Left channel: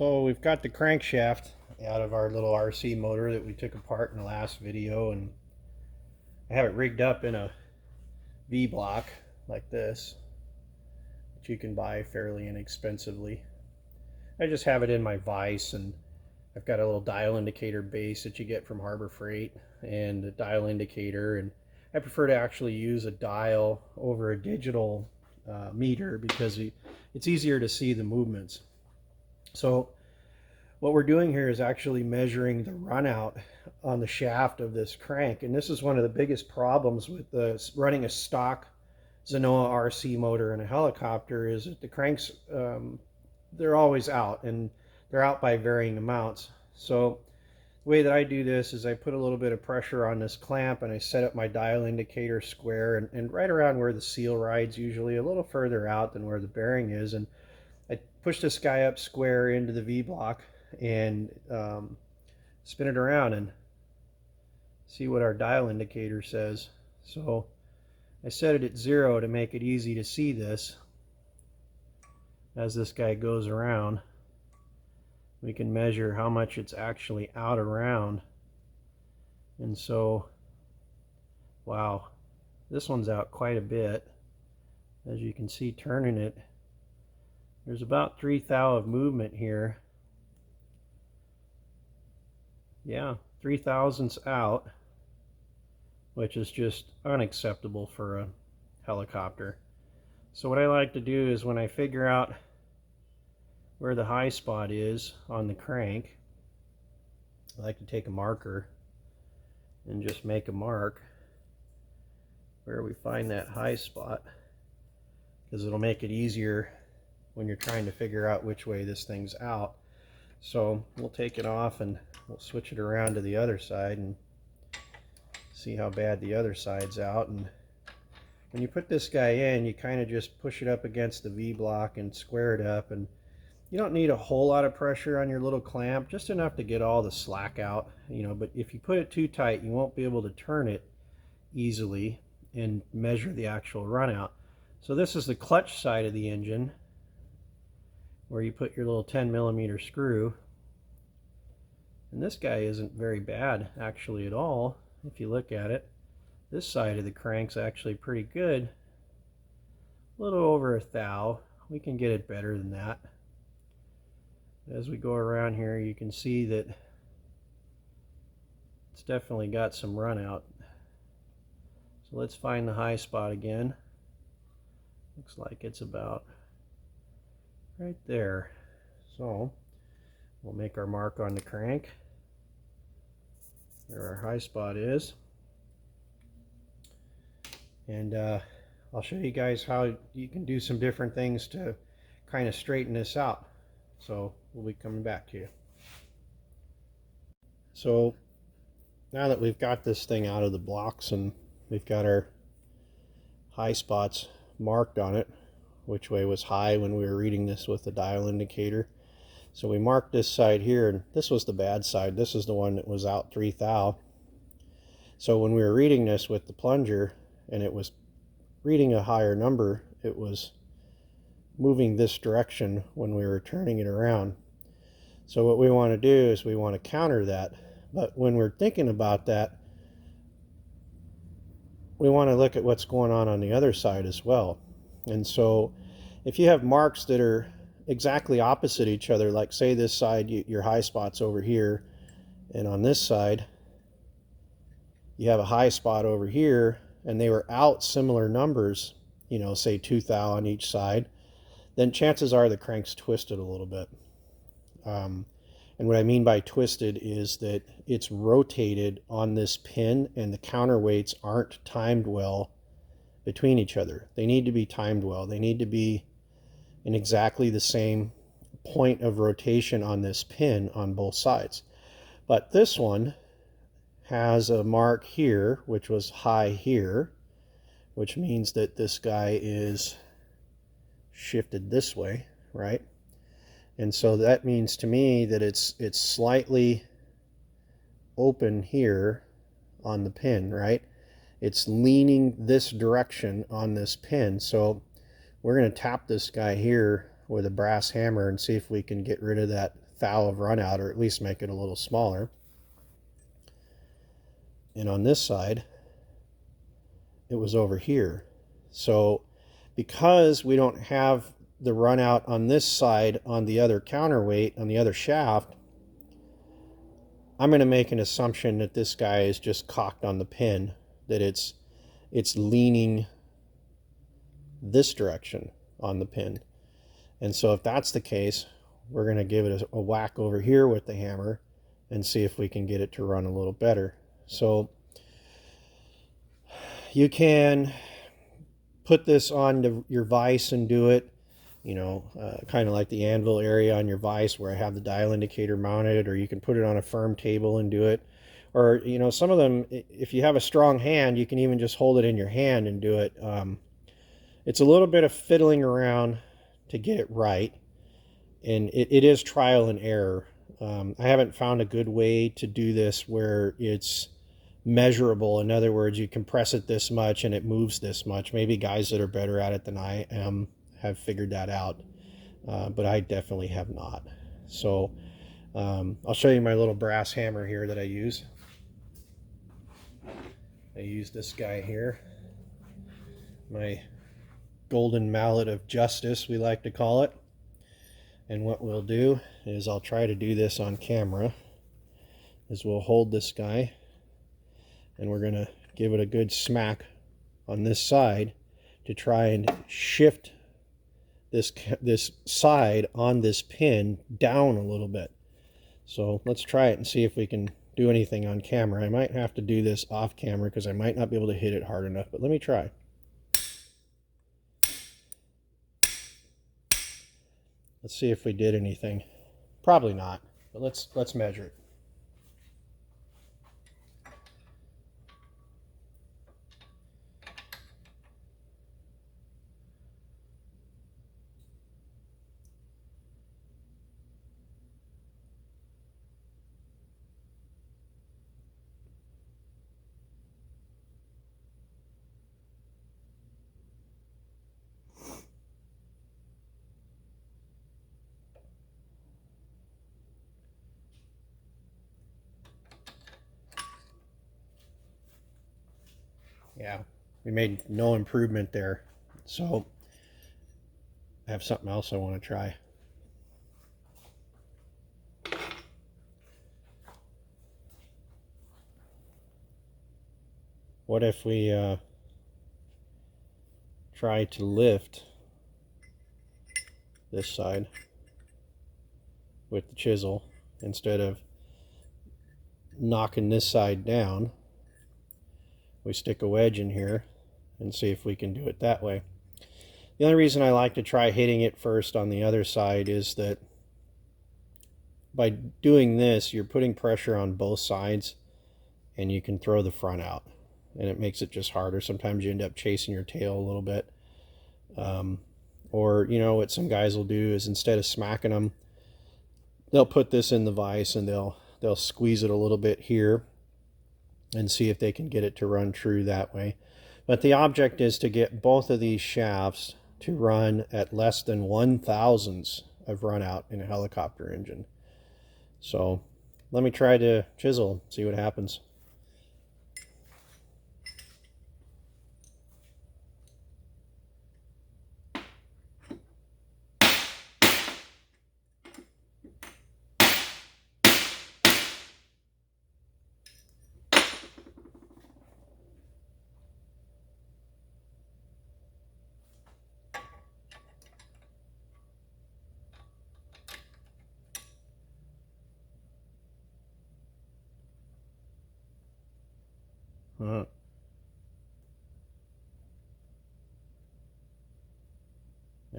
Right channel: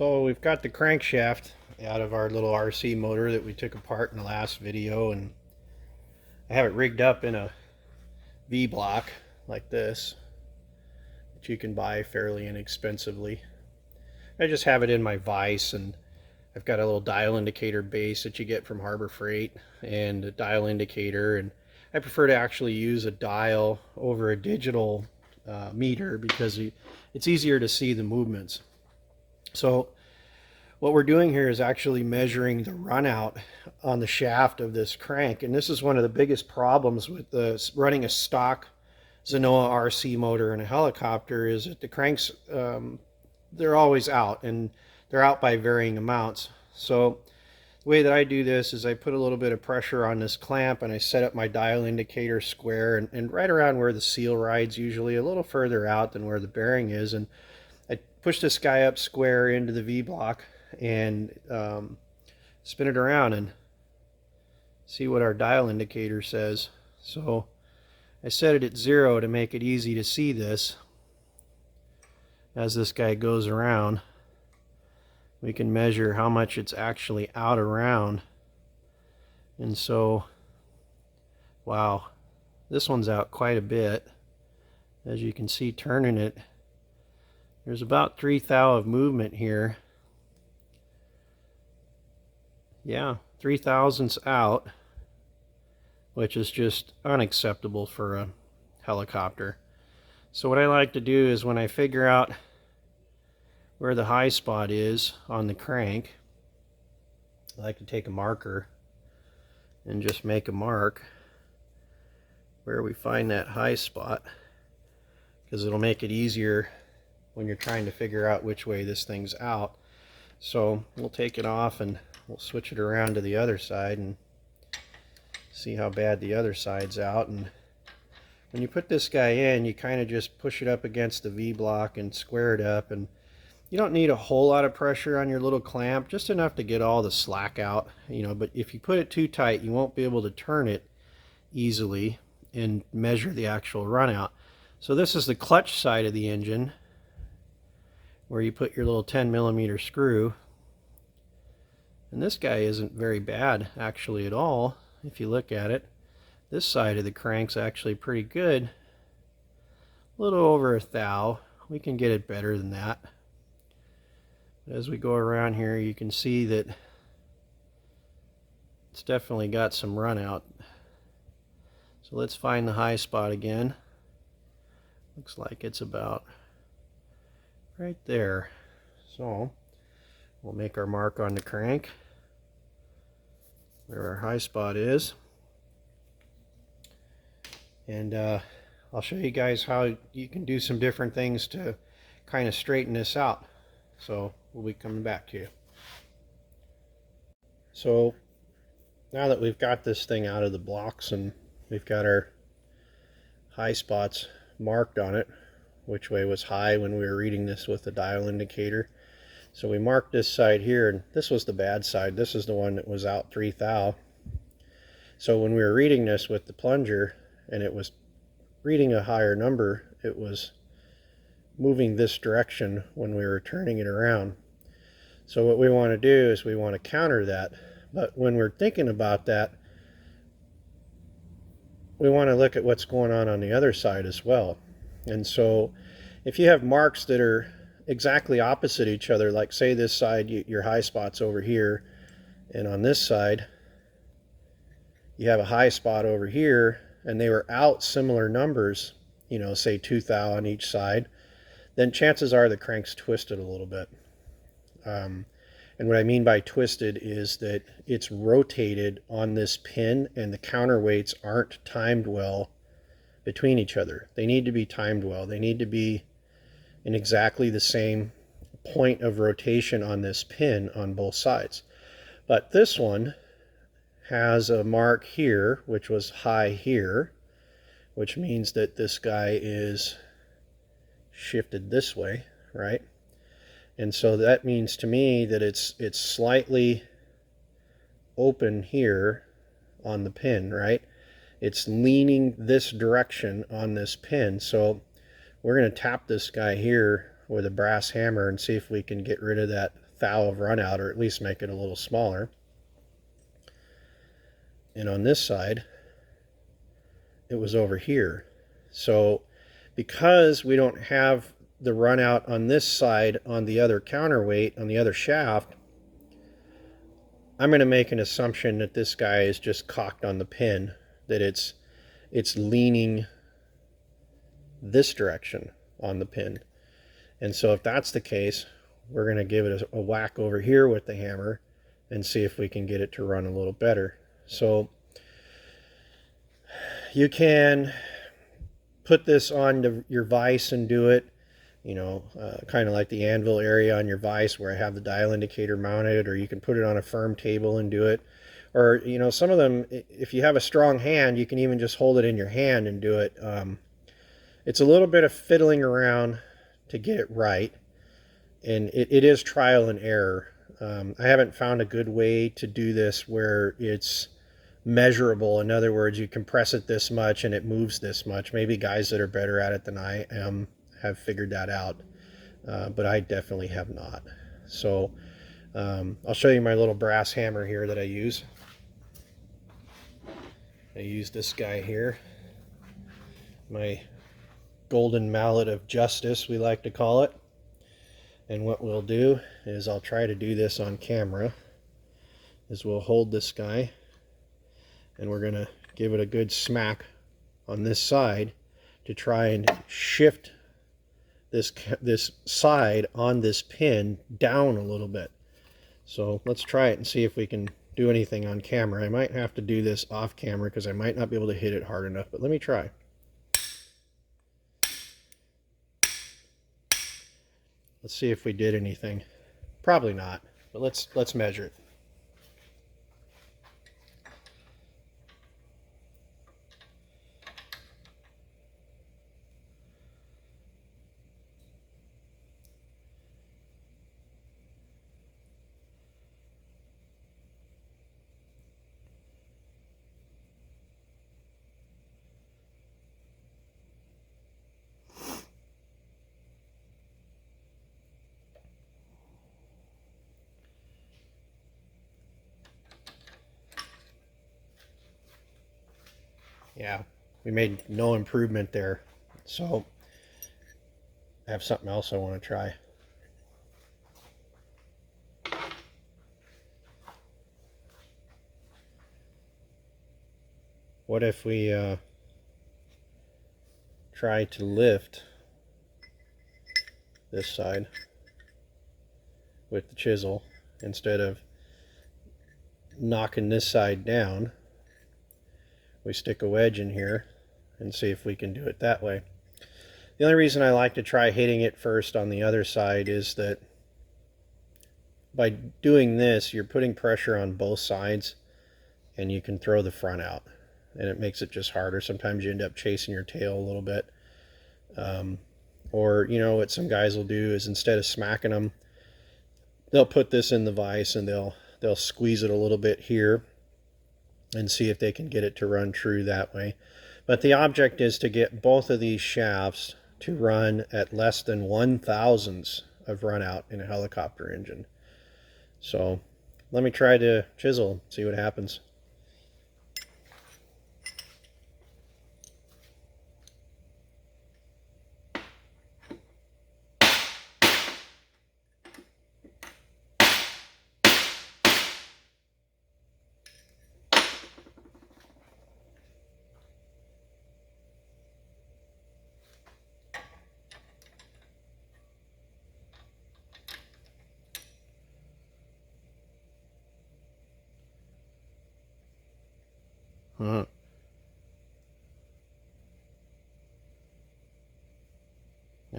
So we've got the crankshaft out of our little RC motor that we took apart in the last video, and I have it rigged up in a V-block like this, which you can buy fairly inexpensively. I just have it in my vise, and I've got a little dial indicator base that you get from Harbor Freight and a dial indicator, and I prefer to actually use a dial over a digital meter because it's easier to see the movements. So what we're doing here is actually measuring the runout on the shaft of this crank, and this is one of the biggest problems with running a stock Zenoah RC motor in a helicopter is that the cranks, they're always out, and they're out by varying amounts. So the way that I do this is I put a little bit of pressure on this clamp, and I set up my dial indicator square and right around where the seal rides, usually a little further out than where the bearing is, and I push this guy up square into the V-block and spin it around and see what our dial indicator says. So I set it at 0 to make it easy to see this. As this guy goes around, we can measure how much it's actually out around. And so, wow, this one's out quite a bit. As you can see, turning it, there's about 3 thou of movement here. Yeah, 3 thousandths out, which is just unacceptable for a helicopter. So what I like to do is when I figure out where the high spot is on the crank, I like to take a marker and just make a mark where we find that high spot, because it'll make it easier when you're trying to figure out which way this thing's out. So we'll take it off and we'll switch it around to the other side and see how bad the other side's out. And when you put this guy in, you kind of just push it up against the V-block and square it up, and you don't need a whole lot of pressure on your little clamp, just enough to get all the slack out, but if you put it too tight, you won't be able to turn it easily and measure the actual runout. So this is the clutch side of the engine, where you put your little 10mm screw. And this guy isn't very bad actually at all if you look at it. This side of the crank's actually pretty good. A little over 1 thou. We can get it better than that. As we go around here, you can see that it's definitely got some run out. So let's find the high spot again. Looks like it's about right there. So we'll make our mark on the crank where our high spot is, and I'll show you guys how you can do some different things to kind of straighten this out. So we'll be coming back to you. So now that we've got this thing out of the blocks and we've got our high spots marked on it, which way was high when we were reading this with the dial indicator. So we marked this side here, and this was the bad side. This is the one that was out 3 thou. So when we were reading this with the plunger and it was reading a higher number, it was moving this direction when we were turning it around. So what we want to do is we want to counter that. But when we're thinking about that, we want to look at what's going on the other side as well. And so if you have marks that are exactly opposite each other, like say this side, your high spot's over here, and on this side you have a high spot over here, and they were out similar numbers, say 2 thou on each side, then chances are the crank's twisted a little bit. And what I mean by twisted is that it's rotated on this pin, and the counterweights aren't timed well between each other. They need to be timed well. They need to be in exactly the same point of rotation on this pin on both sides. But this one has a mark here, which was high here, which means that this guy is shifted this way, right? And so that means to me that it's slightly open here on the pin, right? It's leaning this direction on this pin. So we're going to tap this guy here with a brass hammer and see if we can get rid of that thou of runout, or at least make it a little smaller. And on this side, it was over here. So because we don't have the runout on this side on the other counterweight, on the other shaft, I'm going to make an assumption that this guy is just cocked on the pin, that it's leaning this direction on the pin. And so if that's the case, we're going to give it a whack over here with the hammer and see if we can get it to run a little better. So you can put this on your vise and do it, you know, kind of like the anvil area on your vise where I have the dial indicator mounted, or you can put it on a firm table and do it. Or, you know, some of them, if you have a strong hand, you can even just hold it in your hand and do it. It's a little bit of fiddling around to get it right, and it is trial and error. I haven't found a good way to do this where it's measurable. In other words, you compress it this much and it moves this much. Maybe guys that are better at it than I am have figured that out, but I definitely have not. So I'll show you my little brass hammer here that I use. I use this guy here, my golden mallet of justice, we like to call it. And what we'll do is, I'll try to do this on camera, is we'll hold this guy and we're going to give it a good smack on this side to try and shift this side on this pin down a little bit. So let's try it and see if we can do anything on camera. I might have to do this off camera because I might not be able to hit it hard enough, but let me try. Let's see if we did anything. Probably not, but let's measure it. Yeah, we made no improvement there. So I have something else I want to try. What if we try to lift this side with the chisel instead of knocking this side down? We stick a wedge in here and see if we can do it that way. The only reason I like to try hitting it first on the other side is that by doing this, you're putting pressure on both sides and you can throw the front out, and it makes it just harder. Sometimes you end up chasing your tail a little bit. Or, you know, what some guys will do is, instead of smacking them, they'll put this in the vise and they'll squeeze it a little bit here and see if they can get it to run true that way. But the object is to get both of these shafts to run at less than 1/1000th of runout in a helicopter engine. So let me try to chisel, see what happens.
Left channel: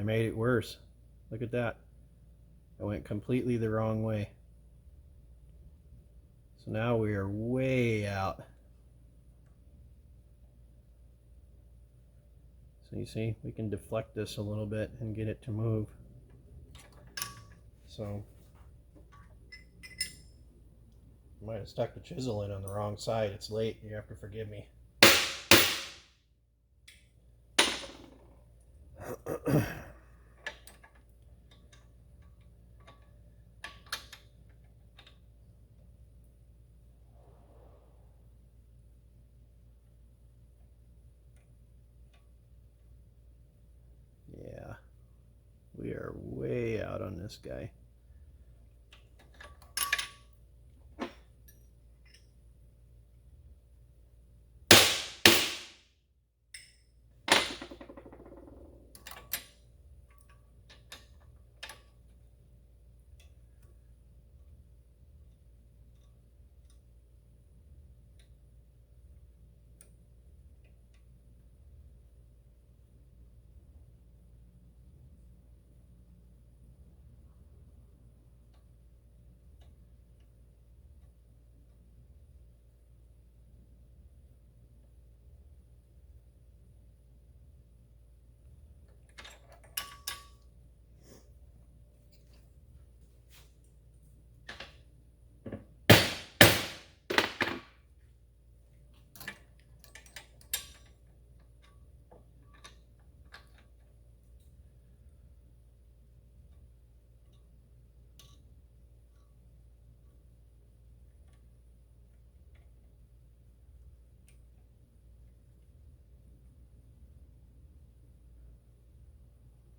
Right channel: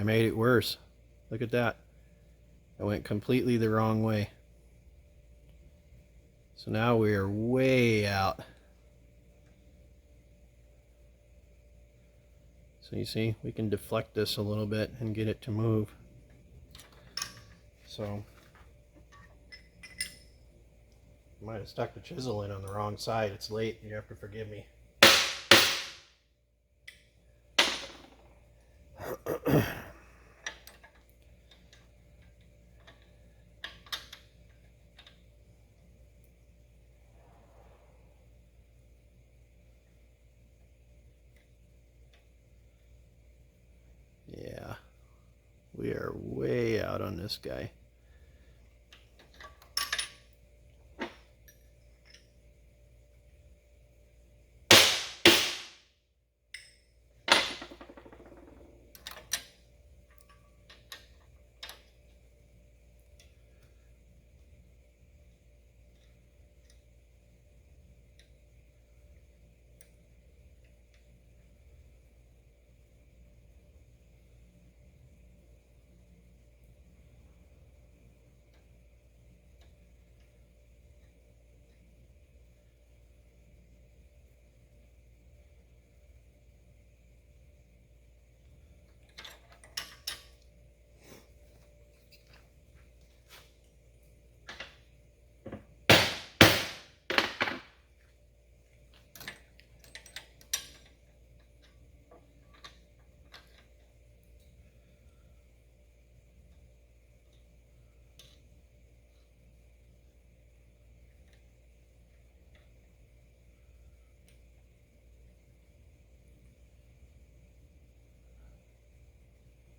I made it worse. Look at that. I went completely the wrong way. So now we are way out. So you see, we can deflect this a little bit and get it to move. So I might have stuck the chisel in on the wrong side. It's late. You have to forgive me. are way out on this guy.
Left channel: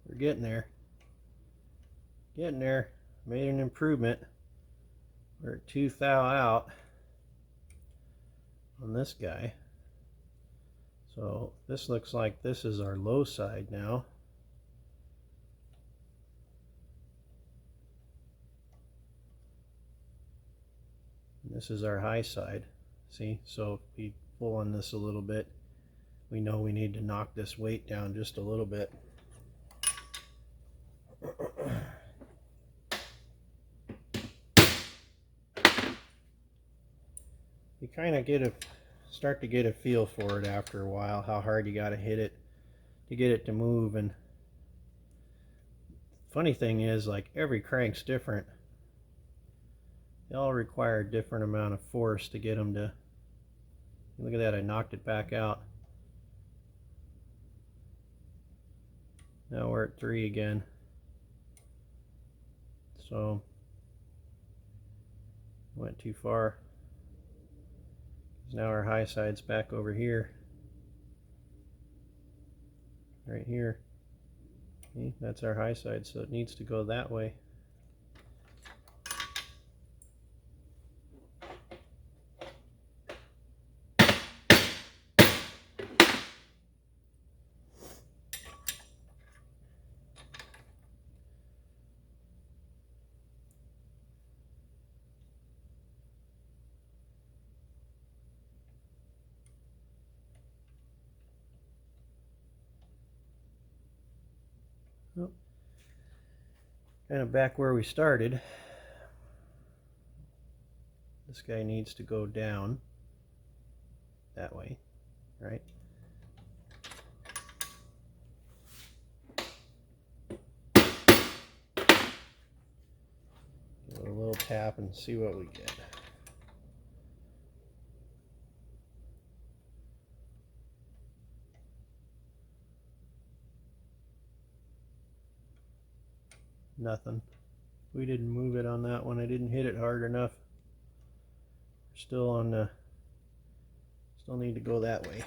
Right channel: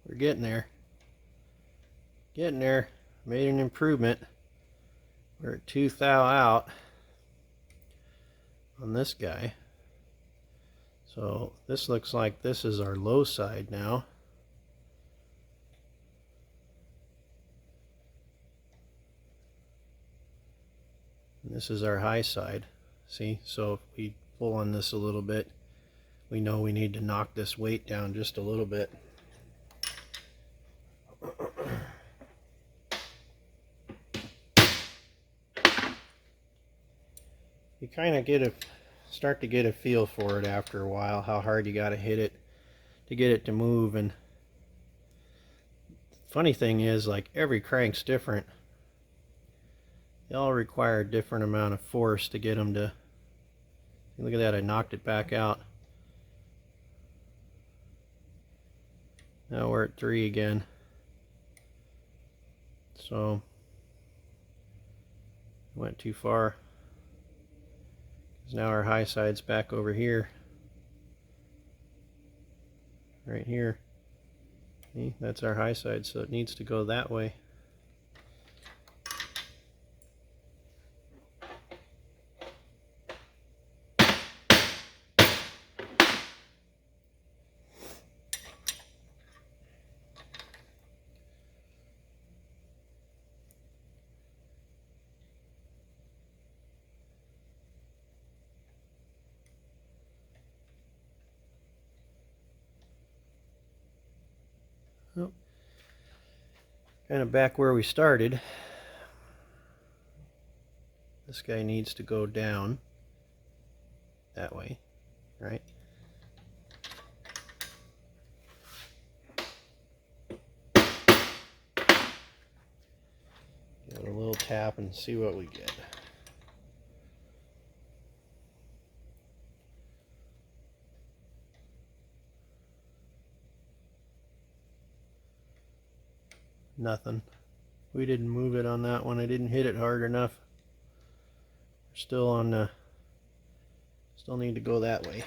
We're getting there. Getting there. Made an improvement. We're at 2 thou out on this guy. So this looks like this is our low side now. And this is our high side. See, so if we pull on this a little bit, we know we need to knock this weight down just a little bit. You kind of start to get a feel for it after a while, how hard you got to hit it to get it to move. And funny thing is, like, every crank's different. They all require a different amount of force to get them to. Look at that, I knocked it back out. Now we're at 3 again. So went too far. Now our high side's back over here. Right here. See, that's our high side, so it needs to go that way. Oh, kind of back where we started. This guy needs to go down that way, right? Give it a little tap and see what we get. Nothing. We didn't move it on that one. I didn't hit it hard enough. We're still on the. Still need to go that way.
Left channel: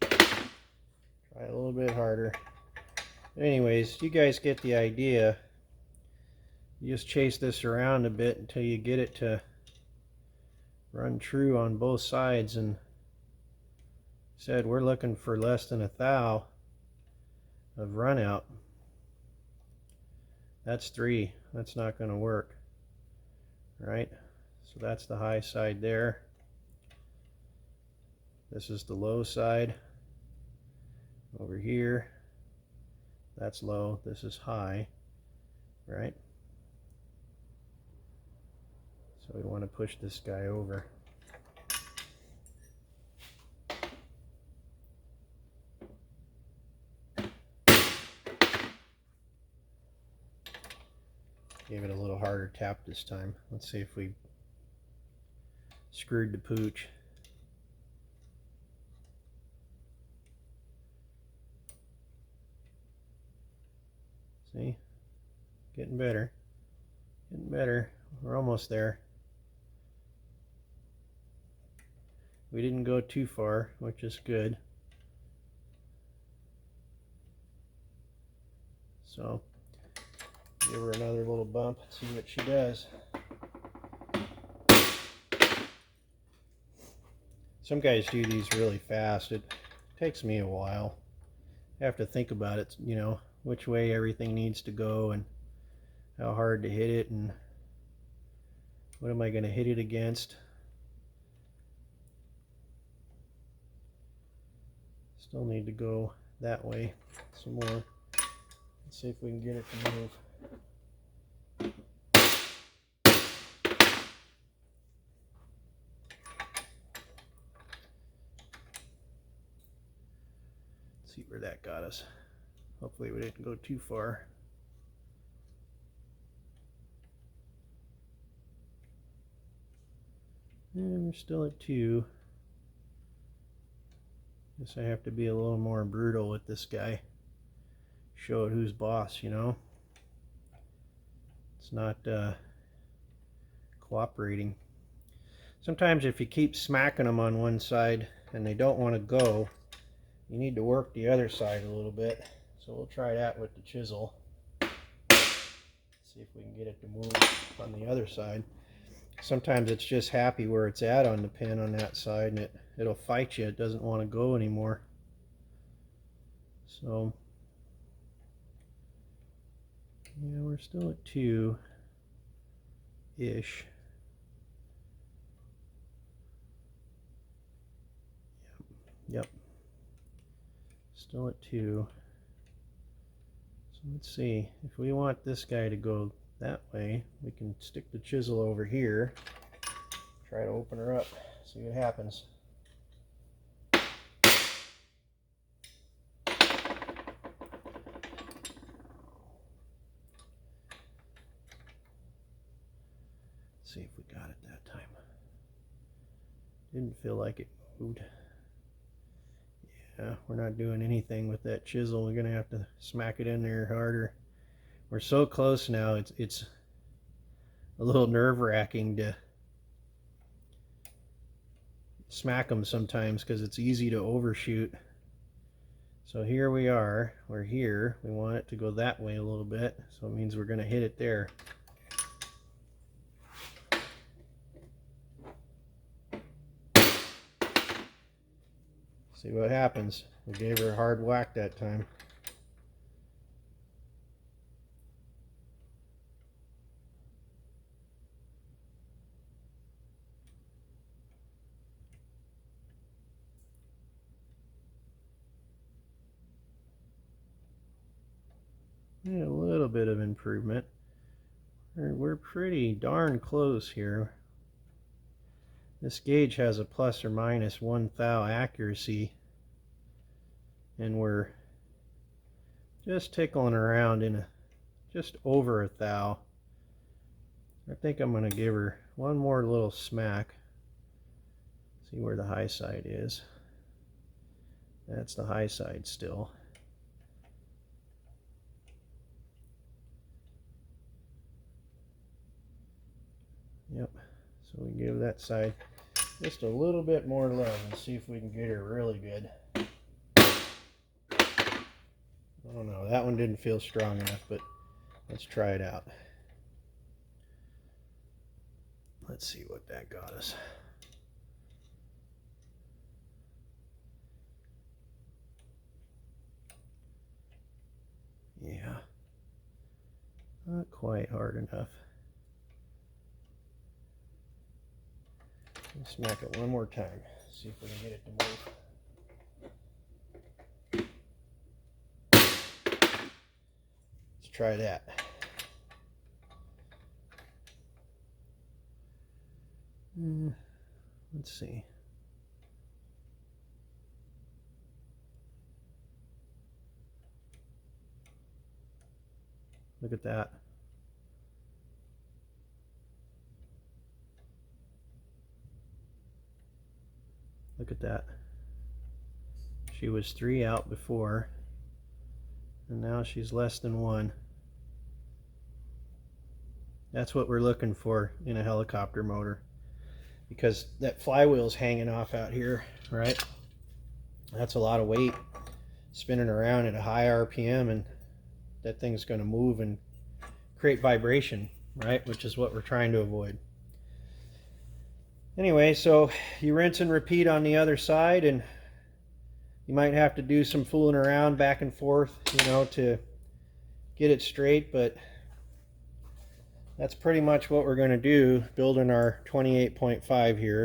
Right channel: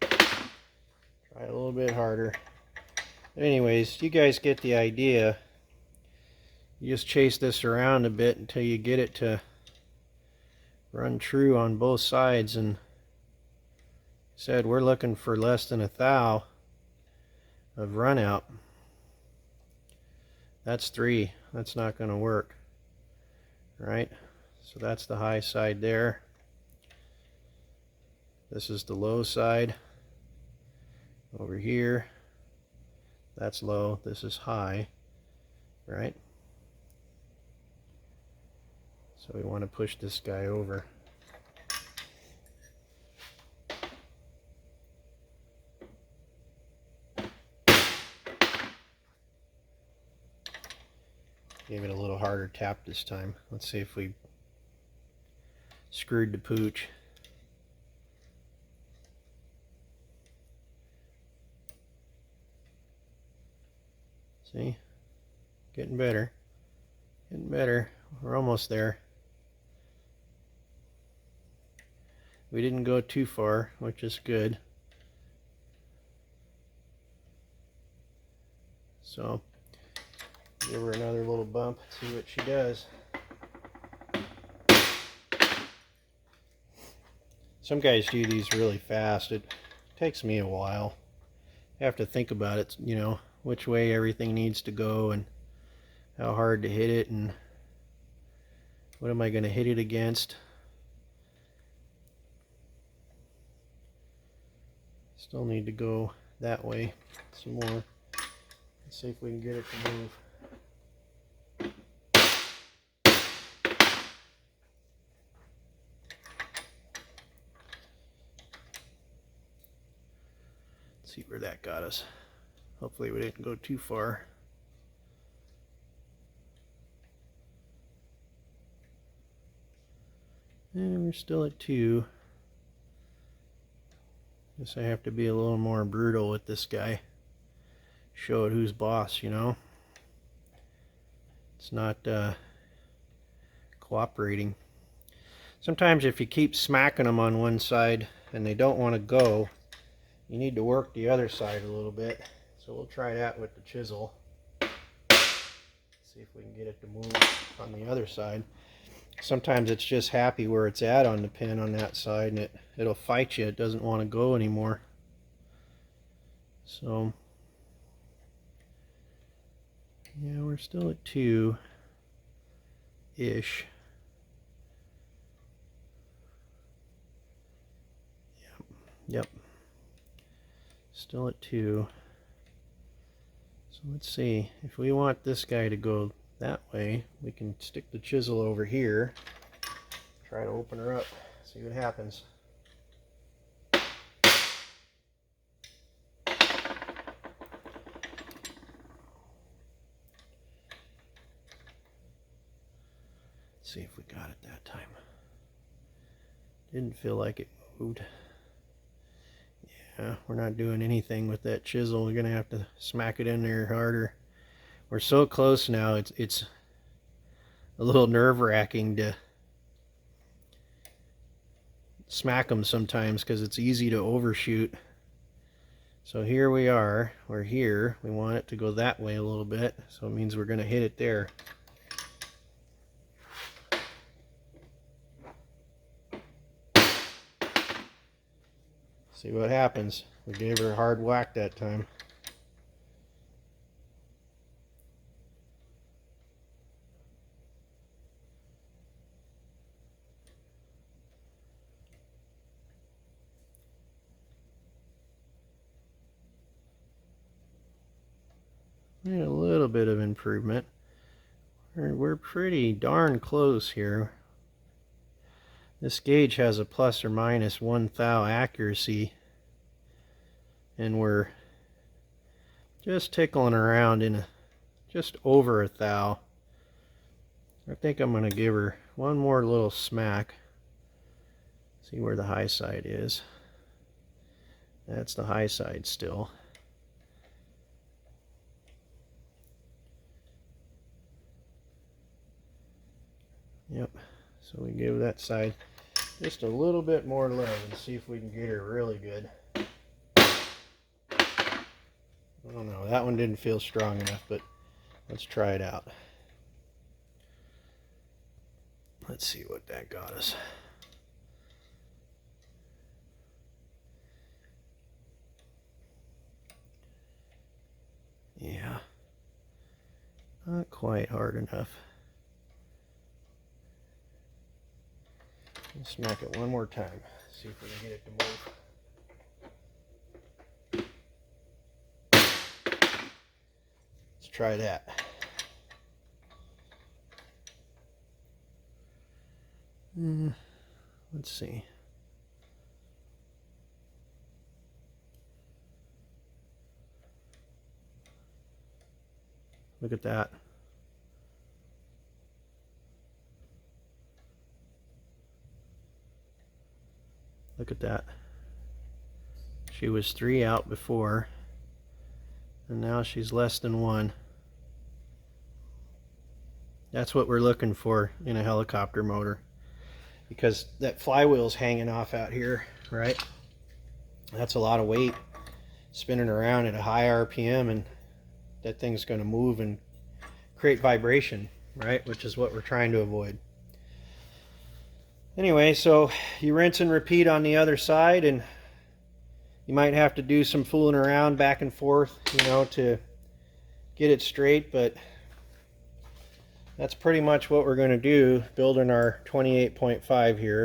Try a little bit harder. Anyways, you guys get the idea. You just chase this around a bit until you get it to run true on both sides. And said we're looking for less than 1 thou of runout. That's 3. That's not going to work, right? So that's the high side there. This is the low side over here. That's low. This is high, right? So we want to push this guy over. Give it a little harder tap this time. Let's see if we screwed the pooch. See? Getting better. Getting better. We're almost there. We didn't go too far, which is good. So give her another little bump, see what she does. Some guys do these really fast. It takes me a while. I have to think about it, you know, which way everything needs to go and how hard to hit it and what am I going to hit it against. Still need to go that way some more. Let's see if we can get it to move. See where that got us. Hopefully we didn't go too far. And we're still at 2. Guess I have to be a little more brutal with this guy. Show it who's boss, you know. It's not cooperating. Sometimes if you keep smacking them on one side and they don't want to go, you need to work the other side a little bit. So we'll try that with the chisel. See if we can get it to move on the other side. Sometimes it's just happy where it's at on the pin on that side, and it'll fight you. It doesn't want to go anymore. So yeah, we're still at 2-ish. Yep. Still at 2. So let's see. If we want this guy to go that way, we can stick the chisel over here. Try to open her up. See what happens. See if we got it that time. Didn't feel like it moved. Yeah, we're not doing anything with that chisel. We're gonna have to smack it in there harder. We're so close now, it's a little nerve-wracking to smack them sometimes because it's easy to overshoot. So here we are, we're here. We want it to go that way a little bit, so it means we're gonna hit it there. See what happens. We gave her a hard whack that time. Yeah, a little bit of improvement. We're pretty darn close here. This gauge has a plus or minus 1 thou accuracy, and we're just tickling around in just over a thou. I think I'm going to give her one more little smack. See where the high side is. That's the high side still. Yep, so we give that side just a little bit more love and see if we can get her really good. I don't know, that one didn't feel strong enough, but let's try it out. Let's see what that got us. Yeah, not quite hard enough. Let's smack it one more time. See if we can get it to move. Let's try that. Let's see. Look at that. Look at that. She was 3 out before, and now she's less than 1. That's what we're looking for in a helicopter motor, because that flywheel's hanging off out here, right? That's a lot of weight spinning around at a high RPM, and that thing's going to move and create vibration, right? Which is what we're trying to avoid. Anyway, so you rinse and repeat on the other side, and you might have to do some fooling around back and forth, you know, to get it straight, but that's pretty much what we're going to do building our 28.5 here.